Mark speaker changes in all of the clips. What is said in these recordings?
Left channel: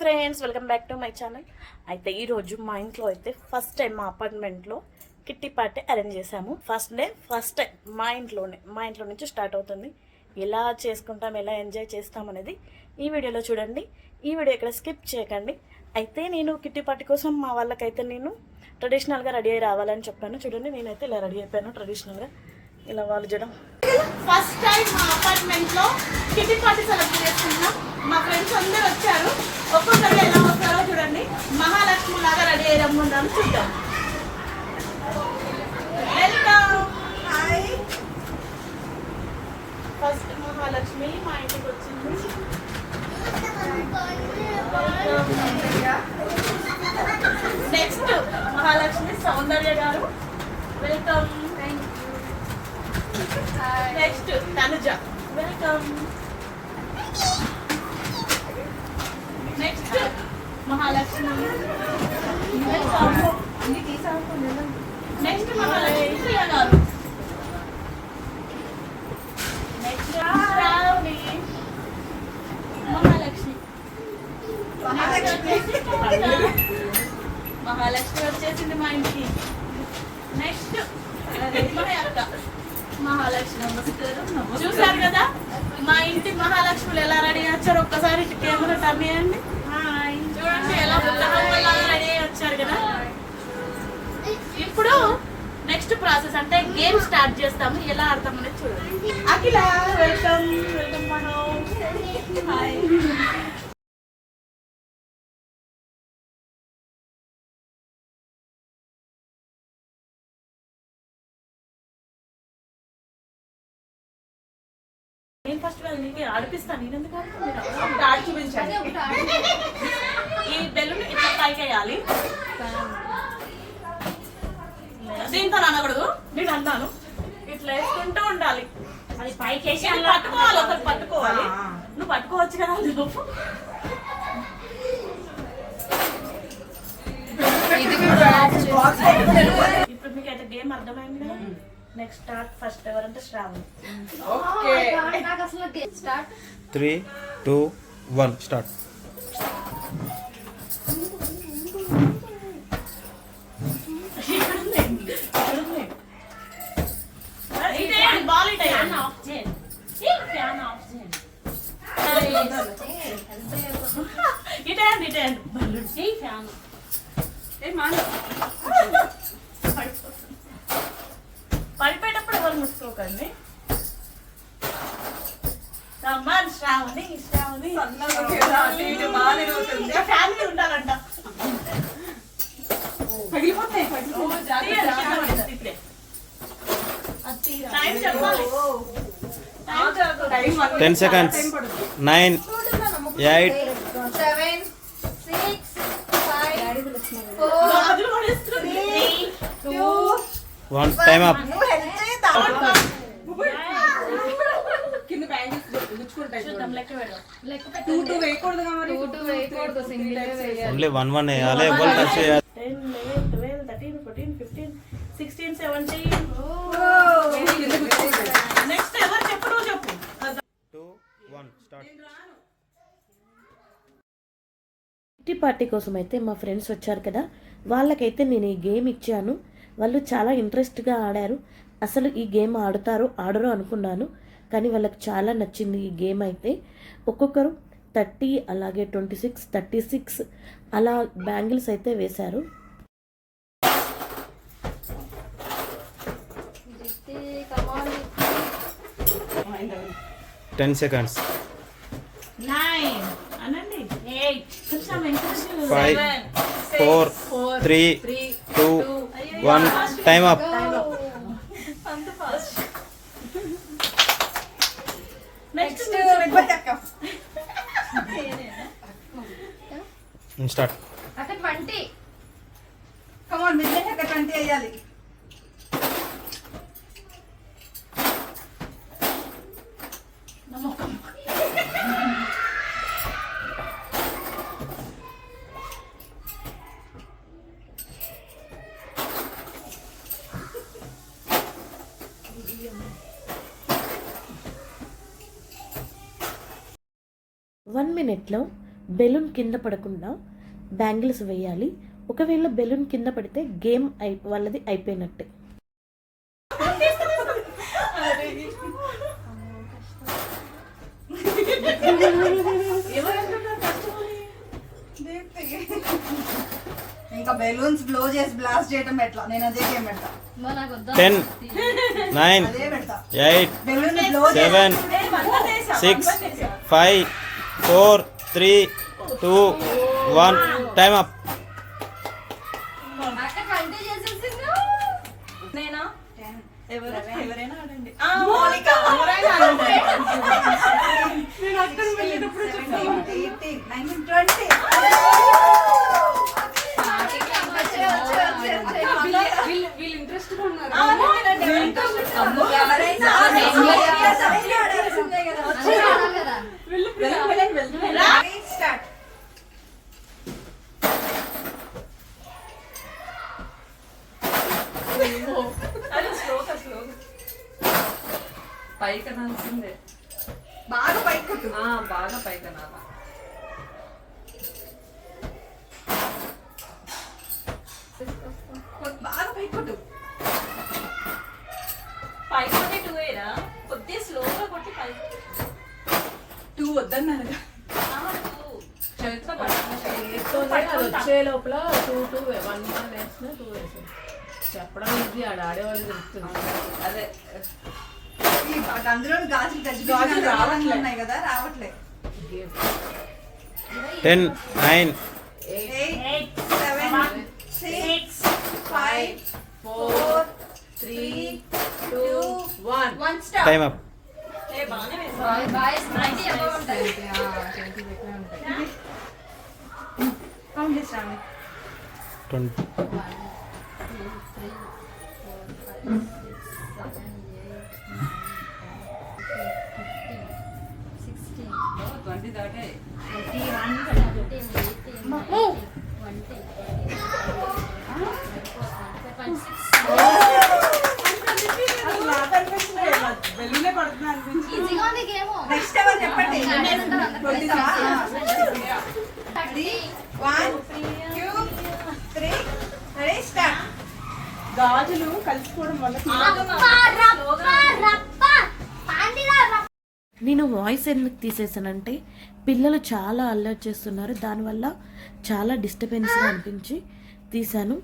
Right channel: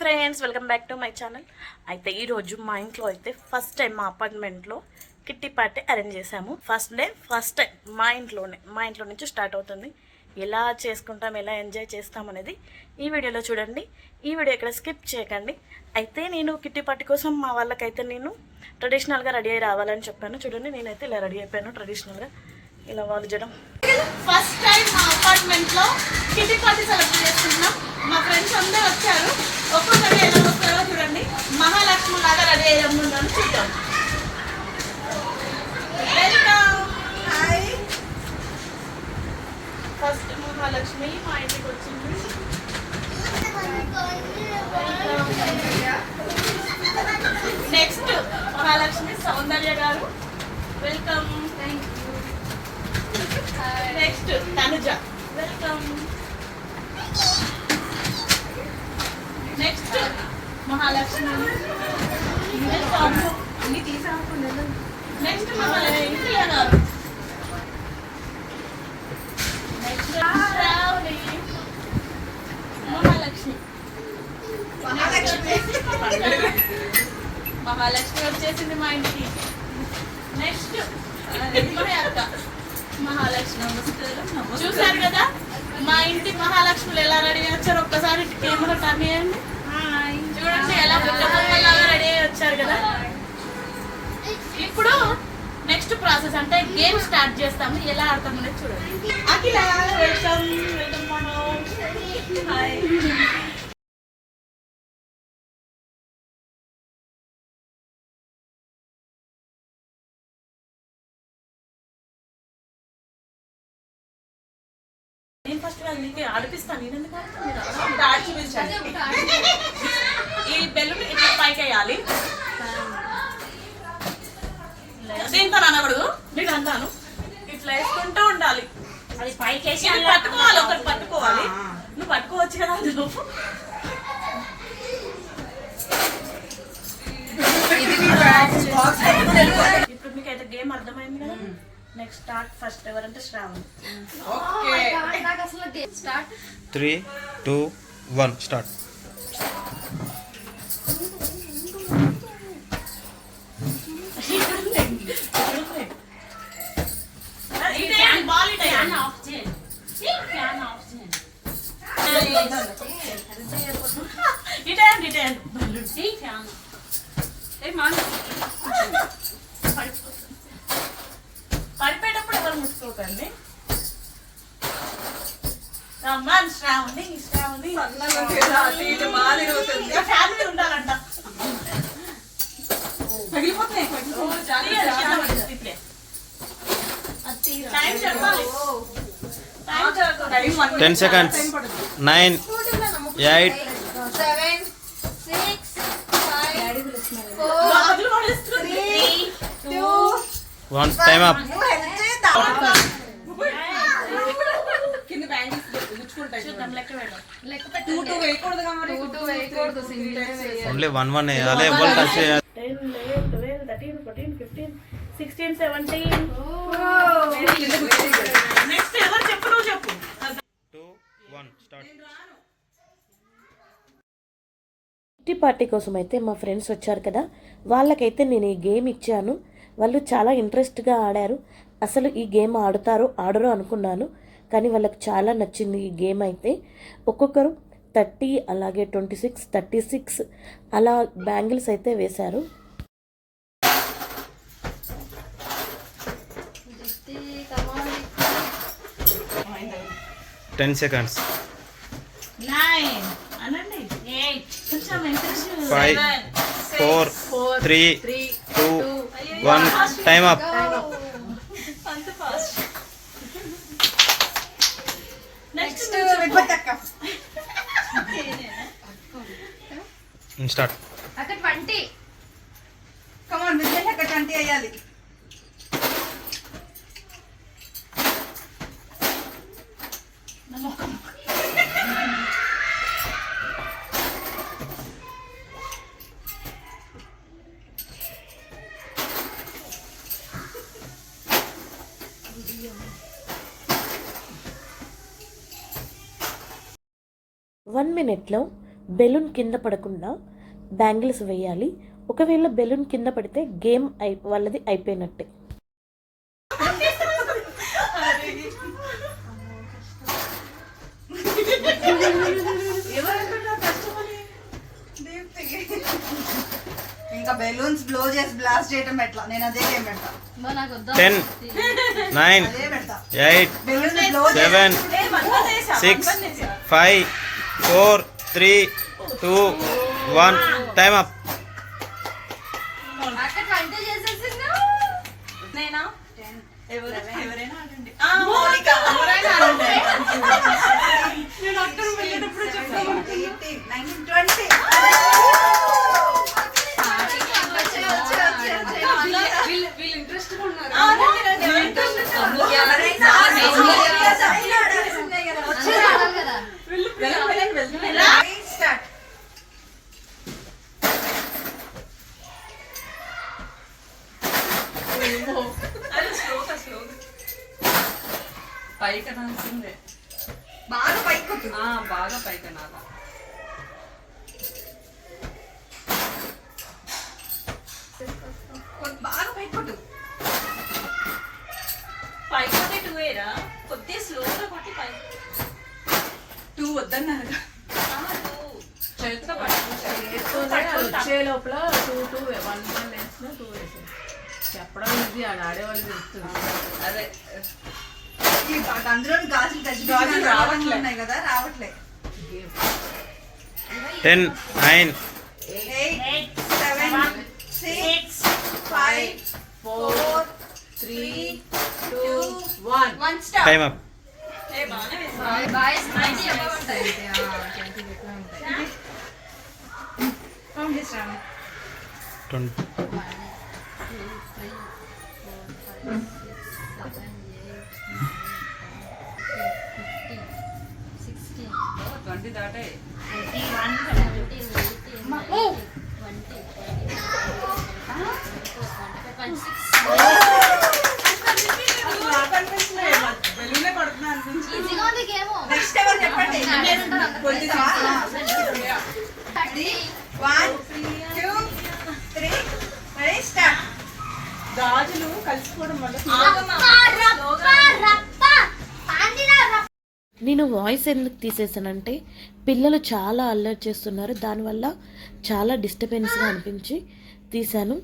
Speaker 1: Friends welcome back to my channel. అయితే ఈరోజు మా ఇంట్లో అయితే ఫస్ట్ టైం మా అపార్ట్మెంట్లో కిట్టి పార్టీ అరేంజ్ చేశాము. ఫస్ట్ డే ఫస్ట్ టైం మా ఇంట్లోనే మా ఇంట్లో నుంచి స్టార్ట్ అవుతుంది. ఎలా చేసుకుంటాం ఎలా ఎంజాయ్ చేస్తాం అనేది ఈ వీడియోలో చూడండి. ఈ వీడియో ఇక్కడ స్కిప్ చేయకండి. అయితే నేను కిట్టి పార్టీ కోసం మా వాళ్ళకైతే నేను ట్రెడిషనల్గా రెడీ అయ్యి రావాలని చెప్పాను. చూడండి నేనైతే ఇలా రెడీ అయిపోయాను ట్రెడిషనల్గా ఇలా వాళ్ళు చేయడం ఫస్ట్ టైం మా అపార్ట్మెంట్లో కిటీ పార్టీ సెలబ్రేట్ చేస్తున్నాం. మా ఫ్రెండ్స్ అందరూ వచ్చారు. ఒక్కొక్కరు ఎలా వస్తారో చూడండి. మహాలక్ష్మి లాగా రెడీ అయ్యి రమ్ముందాం చూద్దాం. వెల్కమ్ ఫస్ట్ మహాలక్ష్మి మా ఇంటికి వచ్చింది. నెక్స్ట్ మహాలక్ష్మి సౌందర్య గారు. Welcome. Next Tanuja welcome next Mahalakshmi welcome next Mahalakshmi గారు నెక్స్ట్ శ్రావణి మహాలక్ష్మి మహాలక్ష్మి వచ్చేసింది మా ఇంటికి. నెక్స్ట్ అక్క మహాలక్ష్మి చూసారు కదా? మా ఇంటి మహాలక్ష్ములు ఎలా రెడీ వచ్చారు? ఒక్కసారి ఇటు కెమెరా టర్న్ చేయండి. చూడండి ఎలా రెడీ అయ్యి వచ్చారు కదా? ఇప్పుడు నెక్స్ట్ ప్రాసెస్ అంటే గేమ్ స్టార్ట్ చేస్తాము. ఎలా ఆడతాం అనేది చూడండి. అఖిల వెల్కమ్ వెల్కమ్ మనో నీకు ఆడిపిస్తాను నేను ఎందుకు ఆడుతాను ఆడి చూపించాలి ఈ బెలూన్ ఇట్లా పైకి వేయాలి దీంతో అనకూడదు మీకు అంటాను ఇట్లా వేసుకుంటూ ఉండాలి.
Speaker 2: అది పైకి వేసి
Speaker 1: పట్టుకోవాలి ఒకటి పట్టుకోవాలి. నువ్వు పట్టుకోవచ్చు కదా అందులో ఇప్పుడు మీకు అయితే గేమ్ అర్థమైంది కదా? నెక్స్ట్ స్టార్ట్ ఫస్ట్ ఎవరంటే శ్రావణి
Speaker 2: నాకు అసలు start
Speaker 3: three two one start
Speaker 1: ఇదేంటి బాల్ ఇటే
Speaker 2: ఫ్యాన్ ఆఫ్ చేయండి ఫ్యాన్ ఆఫ్ చేయండి
Speaker 1: ఇటే అండి ఇటే అండి
Speaker 2: ఈ ఫ్యాన్ ఏ మాన
Speaker 1: ఎవరు ముట్టుకోకండి. రమ్మన్ శ్రావణి శ్రావణి ఫ్యామిలీ ఉండాలంట.
Speaker 3: Ten seconds nine eight
Speaker 2: seven six five
Speaker 1: బాబులు పడేస్తుంది.
Speaker 3: One time up only one one వేయాలి ఎవరు టచ్ చేయాలి?
Speaker 1: Ten eleven twelve thirteen fourteen fifteen sixteen seventeen next ఎవరు చెప్పు నువ్వు చెప్పు
Speaker 3: two one start.
Speaker 4: Kitty party కోసం అయితే మా ఫ్రెండ్స్ వచ్చారు కదా. వాళ్ళకైతే నేను ఈ గేమ్ ఇచ్చాను. వాళ్ళు చాలా ఇంట్రెస్ట్గా ఆడారు. అసలు ఈ గేమ్ ఆడుతారో ఆడరో అనుకున్నాను కానీ వాళ్ళకి చాలా నచ్చింది ఈ గేమ్ అయితే. ఒక్కొక్కరు థర్టీ అలాగే ట్వంటీ సిక్స్ థర్టీ సిక్స్ అలా బ్యాంగిల్స్ అయితే వేశారు.
Speaker 3: Ten seconds. Five four three two one. Time up
Speaker 1: అంత ఫాస్ట్ నెక్స్ట్
Speaker 3: స్టార్ట్.
Speaker 2: అక్కడ ట్వంటీ.
Speaker 5: కమాన్ బిజినెస్ అక్కడ ట్వంటీ అయ్యాలి
Speaker 4: వన్ మినిట్లో బెలూన్ కింద పడకుండా బ్యాంగిల్స్ వేయాలి. ఒకవేళ బెలూన్ కింద పడితే గేమ్ అయి వాళ్ళది అయిపోయినట్టే.
Speaker 5: ఇంకా బెలూన్స్ బ్లో చేసి బ్లాస్ట్ చేయటం ఎట్లా? నేను అదే గేమ్ పెడతా.
Speaker 3: Ten nine eight
Speaker 5: balloons blow
Speaker 3: seven six five four three two one. Time up.
Speaker 1: నేను?
Speaker 5: అక్కడ వెళ్ళేటప్పుడు చెప్పాను. 18, 19, 20. వచ్చే, వచ్చే, వచ్చే, వచ్చే.
Speaker 2: వీళ్ళు ఇంట్రెస్ట్ ఉన్నారు
Speaker 5: ఆ, రండి, రండి, రండి. ఎవరైనా serious అయ్యి ఆడాల్సిందే కదా. వచ్చే. వెళ్ళండి, వెళ్ళండి, వెళ్ళండి. Start.
Speaker 6: పైకి అనాల్సిందే
Speaker 5: బాగా పైకి కొట్టు.
Speaker 6: ఆ, బాగా పైకి అనాలా
Speaker 5: పైకి కొట్టు.
Speaker 1: పైకి టూ వేరా కొద్దిగా స్లోగా కొట్టి పైకి
Speaker 6: టూ వద్దన్నారు చరిత్ర
Speaker 7: వచ్చే లోపల టూ టూ వన్ వన్ వేసిన టూ వేసిన చెప్పడం ఇది ఆడ ఆడేవాళ్ళు తెలుస్తుంది
Speaker 6: అదే.
Speaker 5: ఈ అందులో గాజులు
Speaker 6: గాజులు రావట్లే.
Speaker 5: ఉన్నాయి కదా రావట్లే.
Speaker 3: Ten nine
Speaker 5: eight seven six five four
Speaker 7: three two one
Speaker 5: one star
Speaker 3: time up
Speaker 2: boys twenty above ఉంటాయి
Speaker 3: ట్వంటీ
Speaker 6: ట్వంటీ దాటే
Speaker 5: బెలూనే పడుతున్నా అనిపించింది గాజులు కలిసిపోవడం వల్ల
Speaker 4: నేను వాయిస్ ఎందుకు తీసేసానంటే పిల్లలు చాలా అల్లరి చేస్తున్నారు దానివల్ల చాలా డిస్టర్బెన్స్గా అనిపించి తీశాను.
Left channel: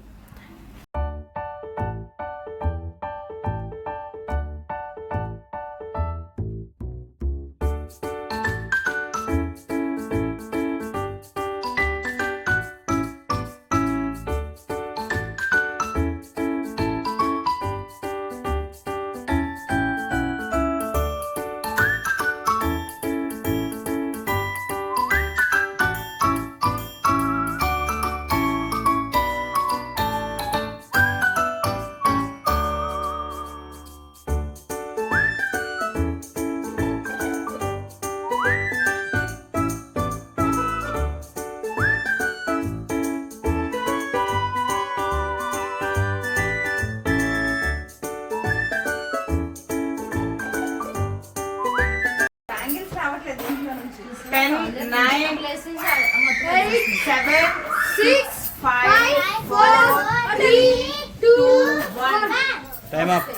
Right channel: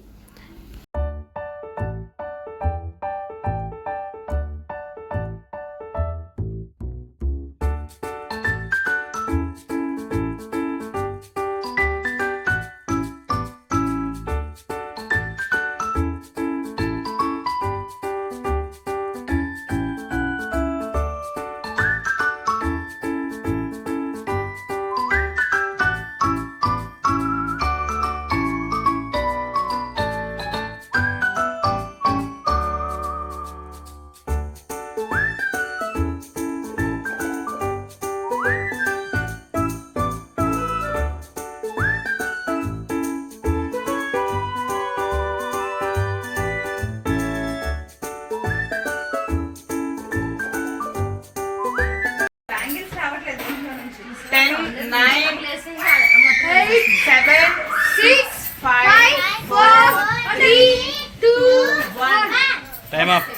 Speaker 5: Seven
Speaker 2: six five four three two one
Speaker 3: time up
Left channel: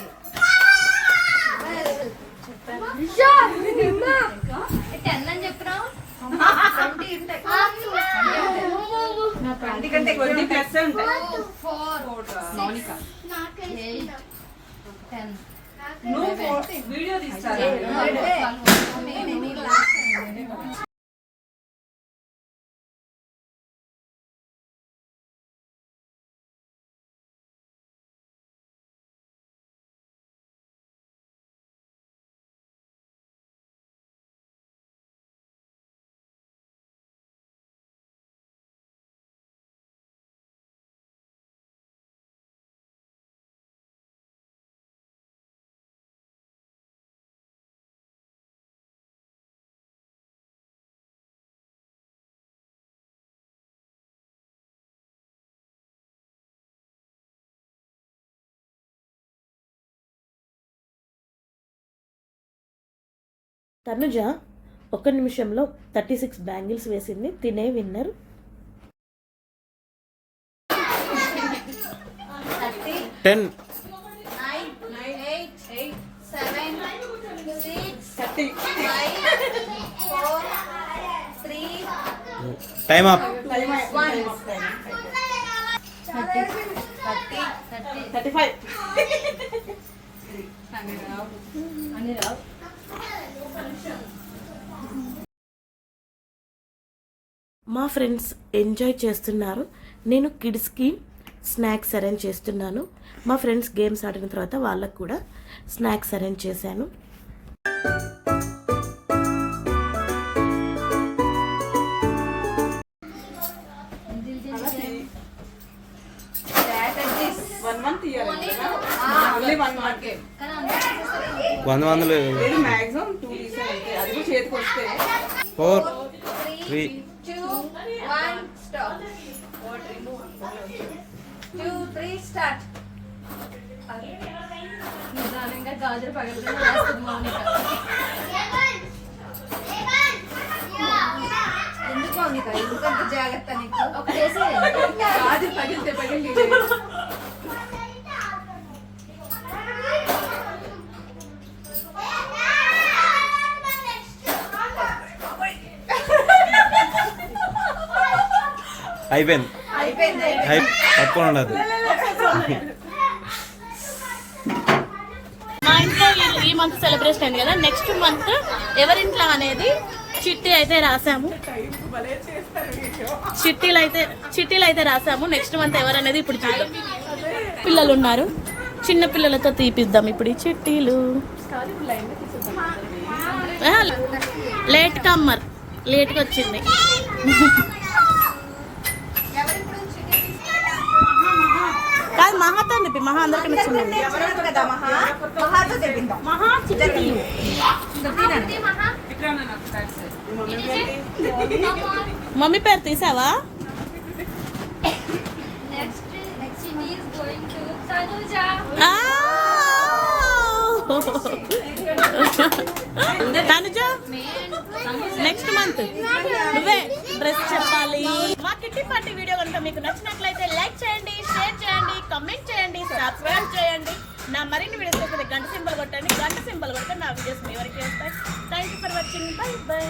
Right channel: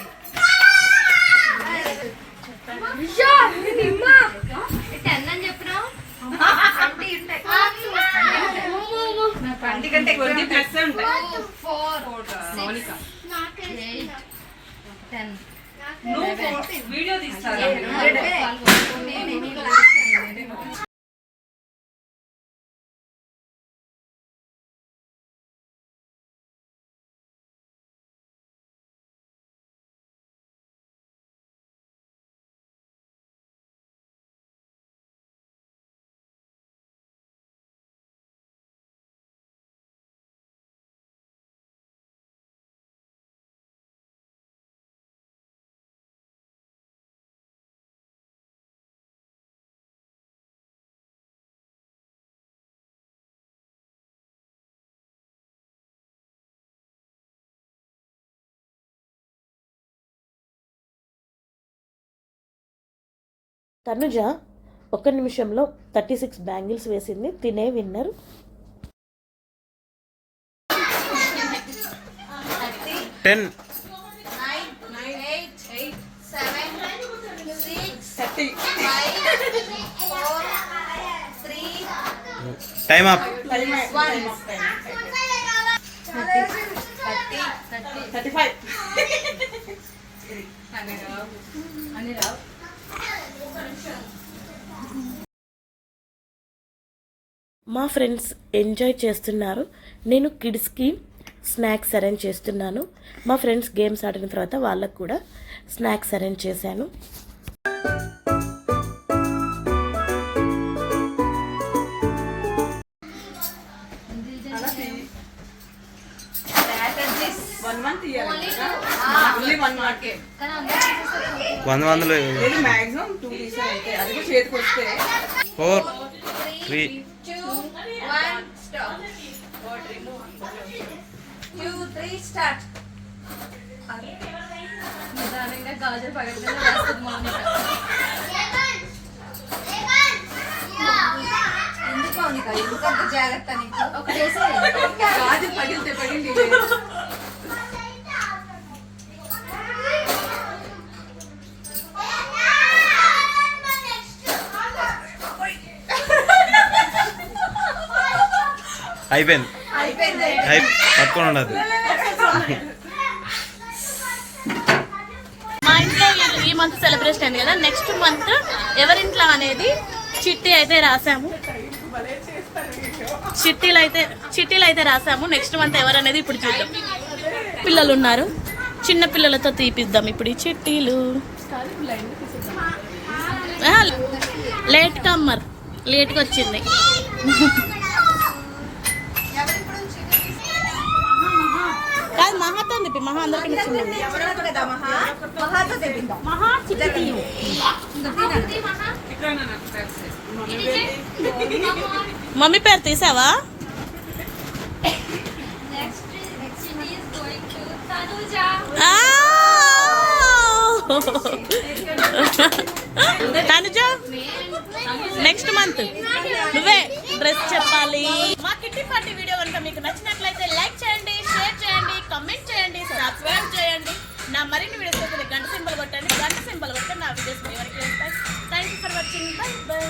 Speaker 4: Tanuja ఒక్క నిమిషంలో థర్టీ సిక్స్ బ్యాంగిల్స్ వేసింది. తినే winner.
Speaker 3: Ten. Time up.
Speaker 5: Time
Speaker 2: thirty.
Speaker 5: Five.
Speaker 7: అన్ని రావు
Speaker 4: మా ఫ్రెండ్స్ ఎంజాయ్ చేస్తున్నారు. నేను కిడ్స్కి స్నాక్స్ అరేంజ్ చేస్తున్నాను. మా ఫ్రెండ్స్ గేమ్స్ ఆడిన తర్వాత వాళ్ళకు కూడా స్నాక్స్ అరేంజ్ చేశాను.
Speaker 5: ఓన్లీ వన్ మార్కే
Speaker 2: కానీ అందరూ
Speaker 3: వంద వందలు
Speaker 5: మాక్సిమం టూ అది కూడా చేతికి వస్తే.
Speaker 3: ఫోర్
Speaker 2: త్రీ స్టార్ట్ నిదానంగా గాజులు ఎందుకు మౌనిక ఎందుకు అంత జాగ్రత్త నీకు? ఒక చేసి
Speaker 5: గాజు పగిలితే పగిలి
Speaker 3: అయిపోయింది
Speaker 2: అయిపోయింది
Speaker 3: పట్టుకొని ఉండదు
Speaker 1: మా ఇంట్లో ఈ- మంత్ సెలబ్రేషన్ అయింది కదా. నెక్స్ట్ మంత్ ఎవరింట్లో అనేది చిట్టి అయితే రాసాము. చిట్టీలు అయితే చిట్టీలు అయితే రాసాము. నెక్స్ట్ మంత్ ఎవరనేది ఇప్పుడు చూద్దాం. పిల్లలు ఉన్నారు చిన్న పిల్లలతో తీపిద్దాం ఇప్పుడు ఈ చిట్టీలు. లేట్ కమ్మర్ లేట్గా వచ్చింది. కాదు మహాతో చెప్పి మహా అందరికీ నచ్చిందండి మమ్మీ పేరు తీసావా
Speaker 2: next next is going to Tanuja
Speaker 1: next month నువ్వే డ్రెస్ చెప్పాలి. మా కిట్టి పార్టీ వీడియో కనుక మీకు నచ్చినట్లయితే లైక్ చేయండి. సబ్స్క్రైబ్ చేయండి. నా మరిన్ని వీడియోస్ వస్తుంది గంట సింబల్ కొట్టండి. గంట సింబల్ కొడితే నా వీడియోస్ మీ వరకు వస్తాయి. Thank you for watching bye bye